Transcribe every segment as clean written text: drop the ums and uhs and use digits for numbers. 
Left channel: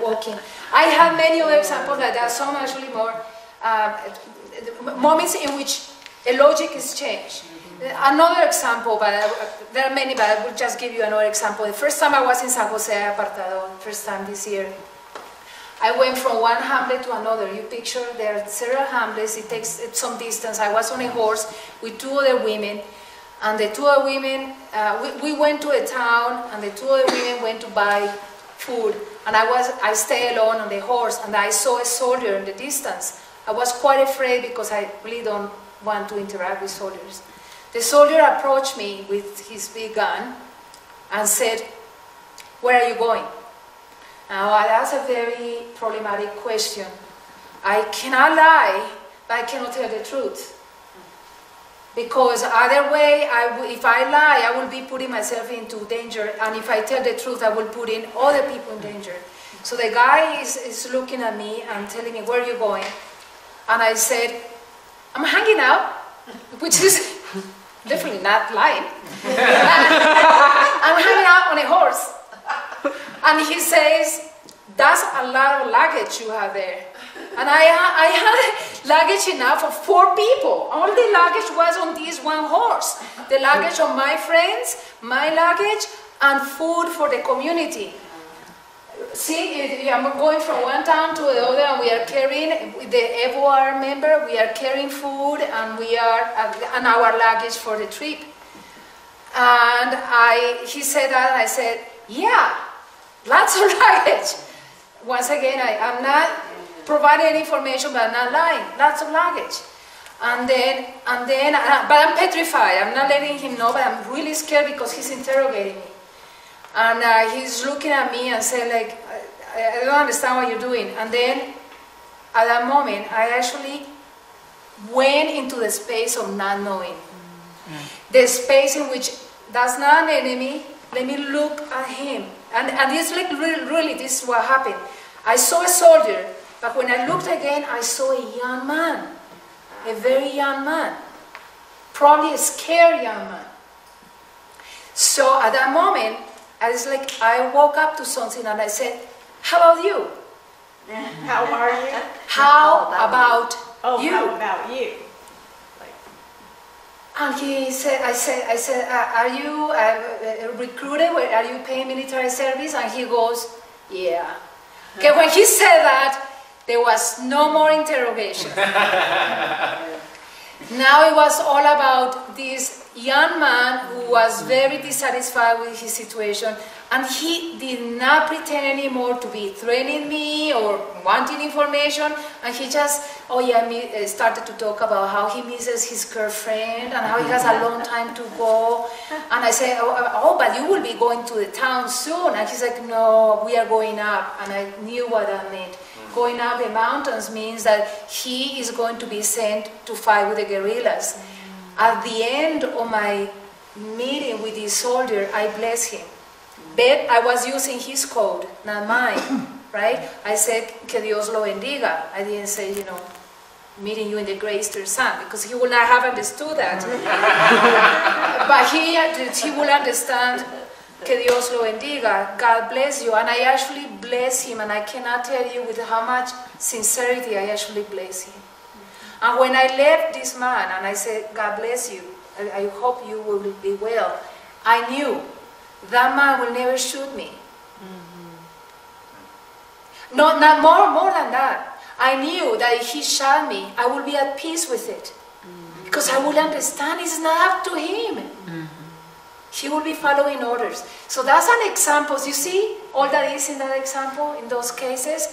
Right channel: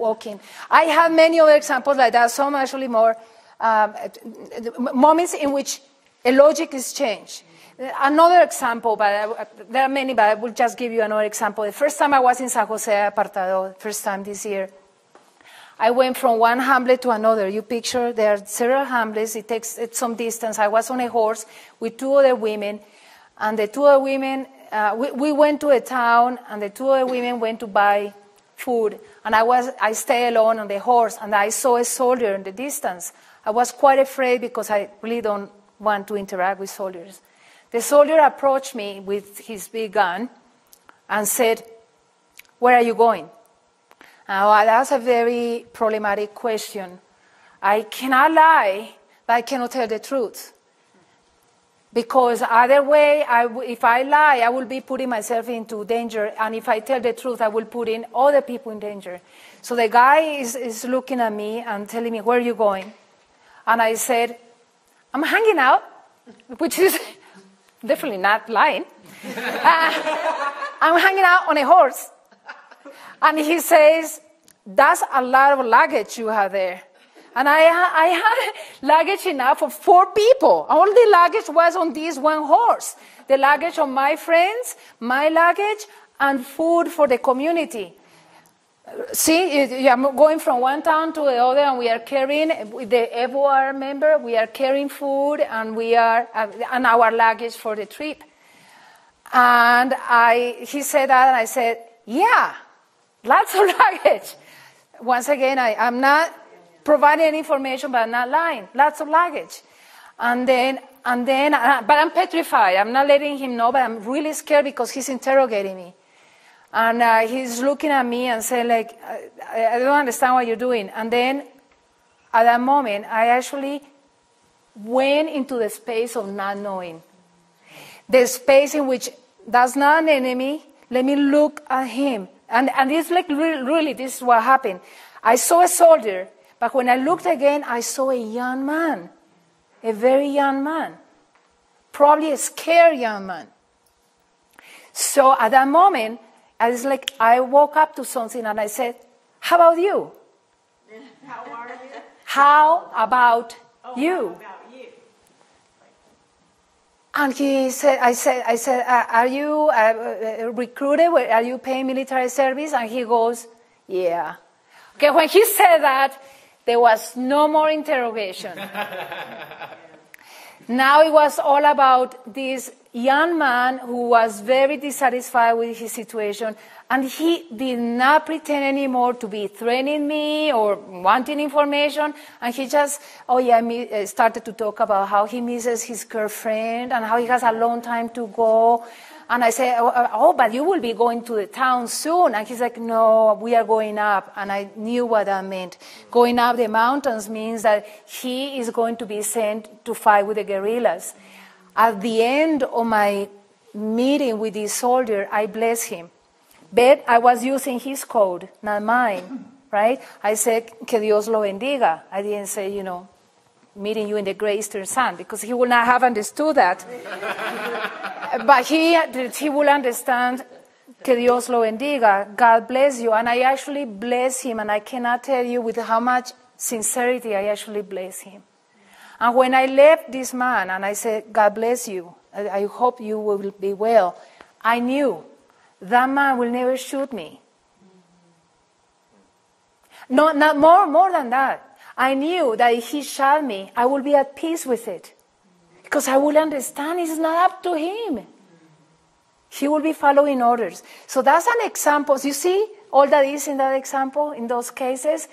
walking. I have many other examples like that, some actually more moments in which a logic is changed. Another example, there are many, but I will just give you another example. The first time I was in San Jose Apartado, first time this year, I went from one hamlet to another. You picture there are several hamlets, it takes some distance. I was on a horse with two other women, and the two other women, we went to a town, and the two other women went to buy food, and I stayed alone on the horse, and I saw a soldier in the distance. I was quite afraid because I really don't want to interact with soldiers. The soldier approached me with his big gun and said, "Where are you going?" Now, that's a very problematic question. I cannot lie, but I cannot tell the truth. Because either way, if I lie, I will be putting myself into danger, and if I tell the truth, I will put in other people in danger. So the guy is looking at me and telling me, "Where are you going?" And I said, "I'm hanging out," which is definitely not lying. "I'm hanging out on a horse." And he says, "That's a lot of luggage you have there." And I had luggage enough for 4 people. All the luggage was on this one horse. The luggage of my friends, my luggage, and food for the community. See, I'm going from one town to the other, and we are carrying, with the EVOR member, we are carrying food, and and our luggage for the trip. And he said that, and I said, "Yeah, lots of luggage." Once again, I'm not providing any information, but I'm not lying. Lots of luggage. But I'm petrified. I'm not letting him know, but I'm really scared because he's interrogating me. And he's looking at me and saying, like, I don't understand what you're doing. And then, at that moment, I actually went into the space of not knowing. The space in which, that's not an enemy, let me look at him. And it's like, really, this is what happened. I saw a soldier, but when I looked again, I saw a young man. A very young man. Probably a scared young man. So at that moment, I woke up to something and I said, "How about you? How are you? How about you?" How about you? And I said, "Are you recruited? Are you paying military service?" And he goes, "Yeah." Okay, when he said that, there was no more interrogation. Now it was all about this young man who was very dissatisfied with his situation, and he did not pretend anymore to be threatening me or wanting information, and he just, started to talk about how he misses his girlfriend and how he has a long time to go. And I said, but you will be going to the town soon. And he's like, "No, we are going up." And I knew what that meant. Going up the mountains means that he is going to be sent to fight with the guerrillas. At the end of my meeting with this soldier, I blessed him. But I was using his code, not mine, right? I said, "Que Dios lo bendiga." I didn't say, "Meeting you in the Great Eastern Sun," because he would not have understood that. But he will understand, "Que Dios lo bendiga," God bless you. And I actually bless him, and I cannot tell you with how much sincerity I actually bless him. And when I left this man and I said, "God bless you, I hope you will be well," I knew that man will never shoot me. No, not more than that. I knew that if he shot me, I will be at peace with it. Because I will understand it's not up to him. He will be following orders. So that's an example. You see all that is in that example, in those cases?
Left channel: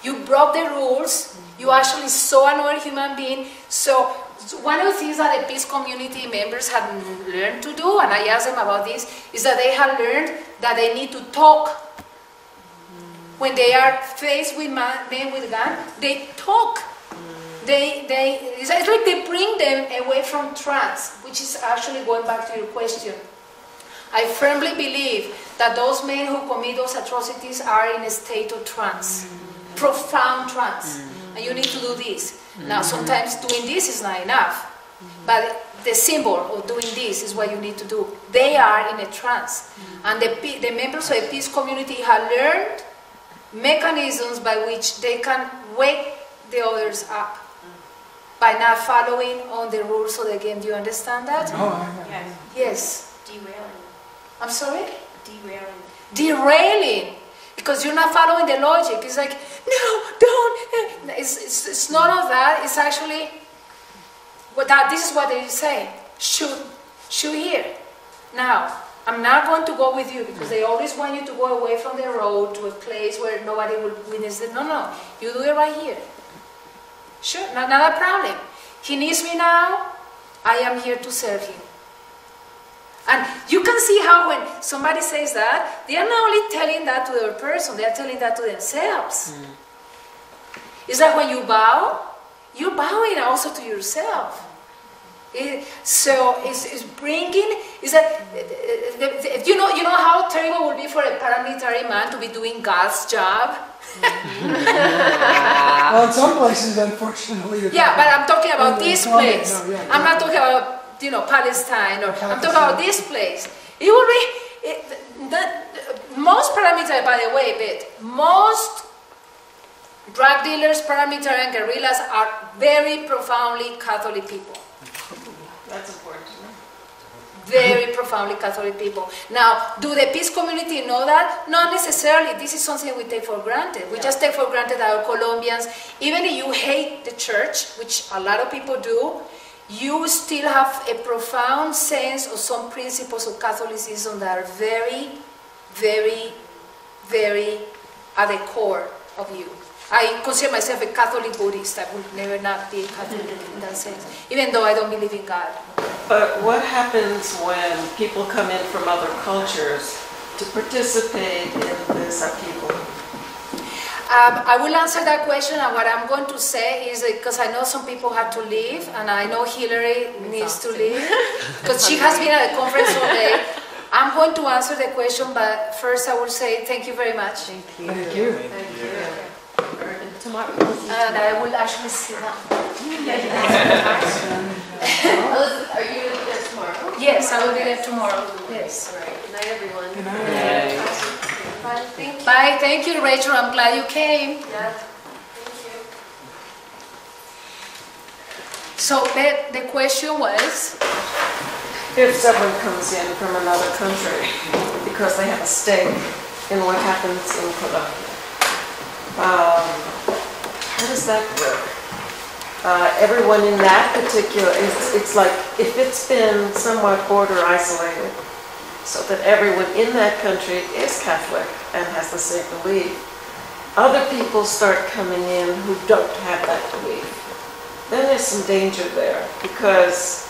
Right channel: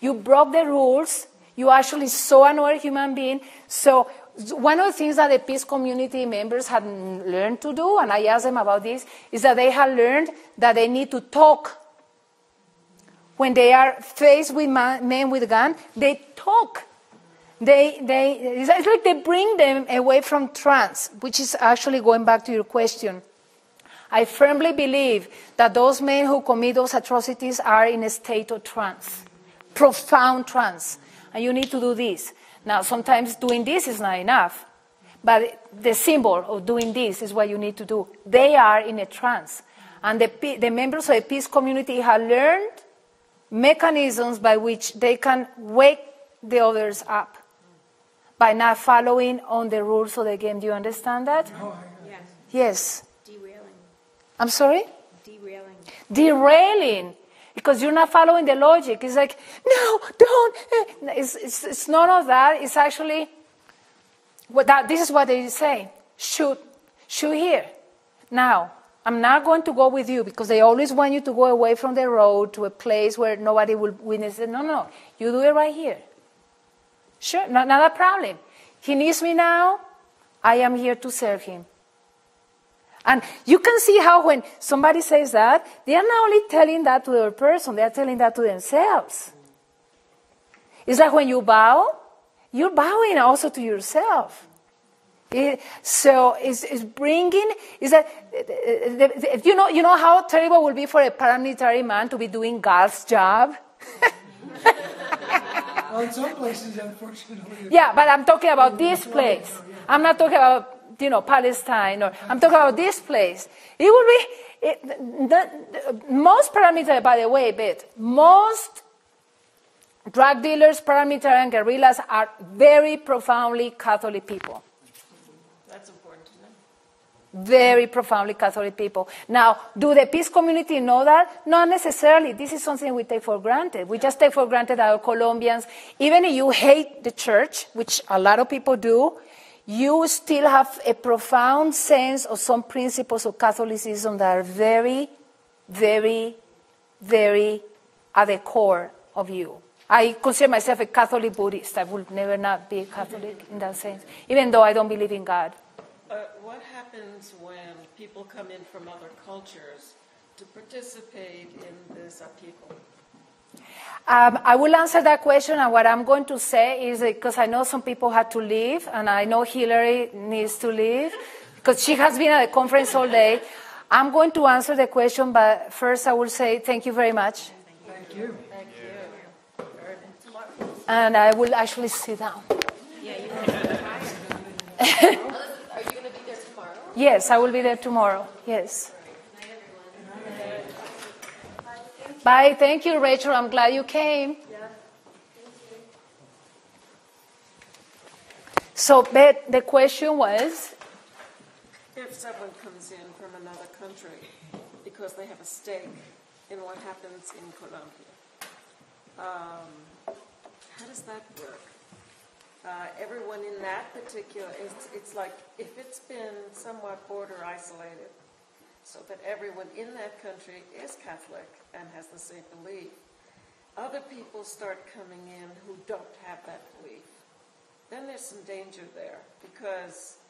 You broke the rules. You actually saw another human being. So one of the things that the peace community members had learned to do, and I asked them about this, is that they have learned that they need to talk. When they are faced with men with guns, they talk. It's like they bring them away from trance, which is actually going back to your question. I firmly believe that those men who commit those atrocities are in a state of trance, profound trance. And you need to do this. Now, sometimes doing this is not enough, but the symbol of doing this is what you need to do. They are in a trance. And the members of the peace community have learned mechanisms by which they can wake the others up by not following on the rules of the game. Do you understand that? Yes. Yes. Derailing. I'm sorry? Derailing. Derailing. Because you're not following the logic. It's like, no, don't. It's none of that. It's actually, this is what they say. Shoot here. Now, I'm not going to go with you because they always want you to go away from the road to a place where nobody will witness it. No. You do it right here. Sure, not a problem. He needs me now. I am here to serve him. And you can see how when somebody says that, they are not only telling that to the other person, they are telling that to themselves. It's like when you bow, you're bowing also to yourself. So it's bringing, is that, you know how terrible it would be for a paramilitary man to be doing God's job? Well, in some places, unfortunately. Yeah, but I'm talking about this place. No, yeah, I'm not talking about, Palestine, or I'm talking about this place. It will be, most paramilitary, by the way, most drug dealers, paramilitary, and guerrillas are very profoundly Catholic people. That's important. Very profoundly Catholic people. Now, do the peace community know that? Not necessarily. This is something we take for granted. We just take for granted our Colombians. Even if you hate the church, which a lot of people do, you still have a profound sense of some principles of Catholicism that are very, very, very at the core of you. I consider myself a Catholic Buddhist. I would never not be a Catholic in that sense, even though I don't believe in God. But what happens when people come in from other cultures to participate in this upheaval? I will answer that question, and what I'm going to say is because I know some people have to leave, and I know Hillary needs to leave, because she has been at the conference all day. I'm going to answer the question, but first I will say thank you very much. Thank you. Tomorrow. And I will actually sit down. Are you going to be there tomorrow? Yes, I will be there tomorrow. Yes. All right. Good night, everyone. Good night. Bye. Thank you. Bye. Thank you, Rachel. I'm glad you came. Yeah. Thank you. So, Beth, the question was, If someone comes in from another country because they have a stake in what happens in Colombia, how does that work? Everyone in that particular, it's like if it's been somewhat border isolated, so that everyone in that country is Catholic and has the same belief, other people start coming in who don't have that belief. Then there's some danger there, because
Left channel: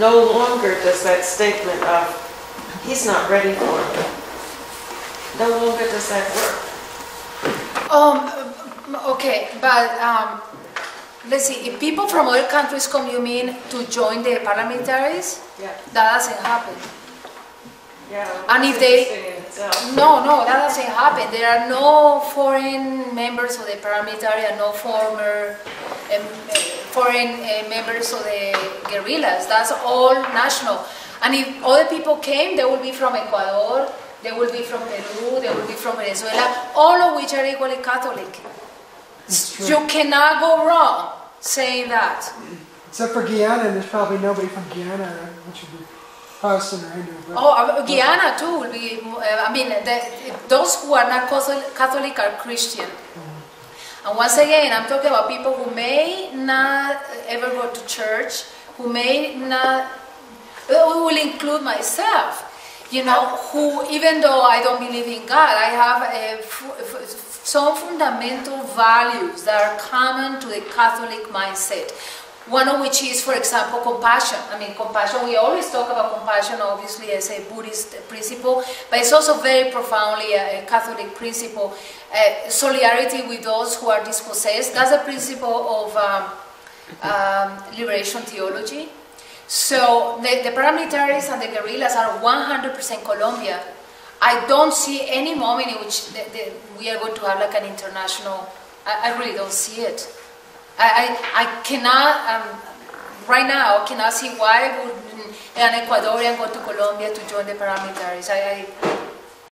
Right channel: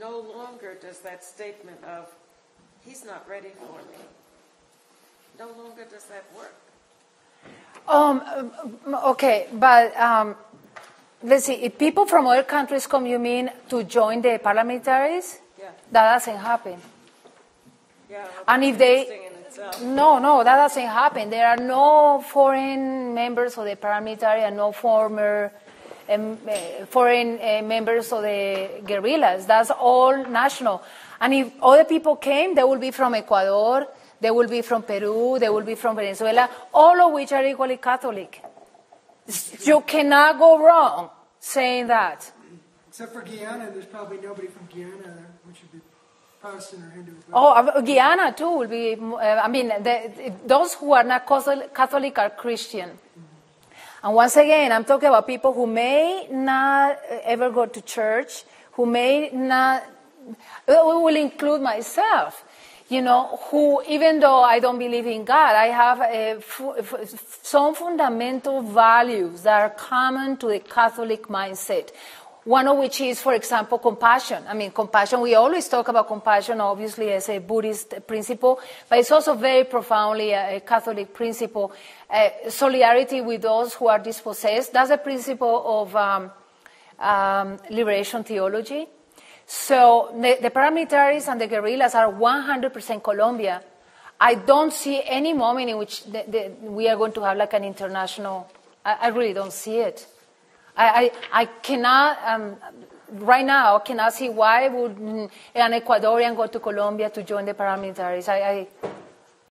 no longer does that statement of, he's not ready for me, no longer does that work. okay, but let's see, if people from other countries come, you mean to join the paramilitaries? Yeah. That doesn't happen. Yeah. And if they, interesting in itself. no, that doesn't happen. There are no foreign members of the paramilitary and no foreign members of the guerrillas. That's all national. And if other people came, they will be from Ecuador, they will be from Peru, they will be from Venezuela, all of which are equally Catholic. You cannot go wrong saying that. Except for Guyana, and there's probably nobody from Guyana, which would be Protestant or Hindu. Oh, Guyana too will be, those who are not Catholic are Christian. And once again, I'm talking about people who may not ever go to church, who may not, will include myself, who, even though I don't believe in God, I have some fundamental values that are common to the Catholic mindset. One of which is, for example, compassion. Compassion, we always talk about compassion, obviously, as a Buddhist principle, but it's also very profoundly a Catholic principle. Solidarity with those who are dispossessed, that's a principle of liberation theology. So the paramilitaries and the guerrillas are 100% Colombia. I don't see any moment in which we are going to have like an international, I really don't see it. I cannot, right now, cannot see why would an Ecuadorian go to Colombia to join the paramilitaries.